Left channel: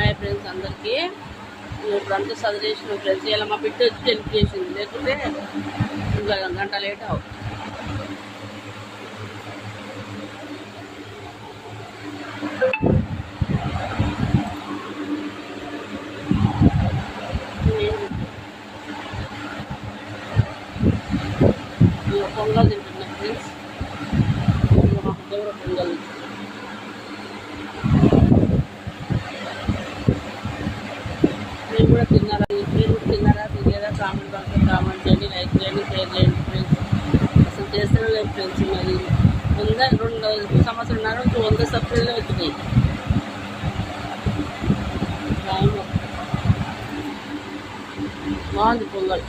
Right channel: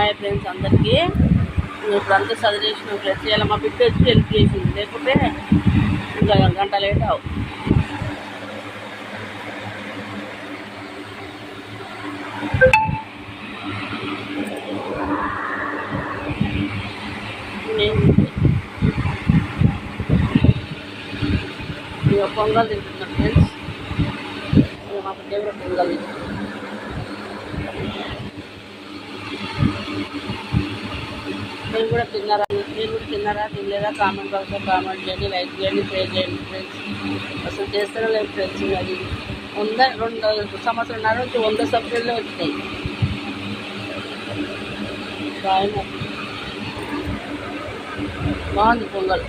Hi friends అందరికీ. ఇప్పుడు అంతా చదివేసిన ఫ్రెండ్స్. ఇలా మా బిడ్డ వచ్చి హెల్ప్ చేసింది, లేకుంటే ఇంకా గంట లేట్ అవు. ఇక పొంగల్ తింటున్నా ఫ్రెండ్స్. ఇక మా బిడ్డ కూడా పొంగల్. మీరు కూడా తిన్నారా తినలేదా కామెంట్ బాక్స్లో కామెంట్ చేయండి, లైక్ చేయండి, షేర్ చేయండి ఫ్రెండ్స్. అసలు చేస్తూనే లేదు ఫ్రెండ్స్. అది 2 సంవత్సరాల నుంచి 100 సబ్సిడీలే వచ్చినాయి. బాగుంది పొంగల్.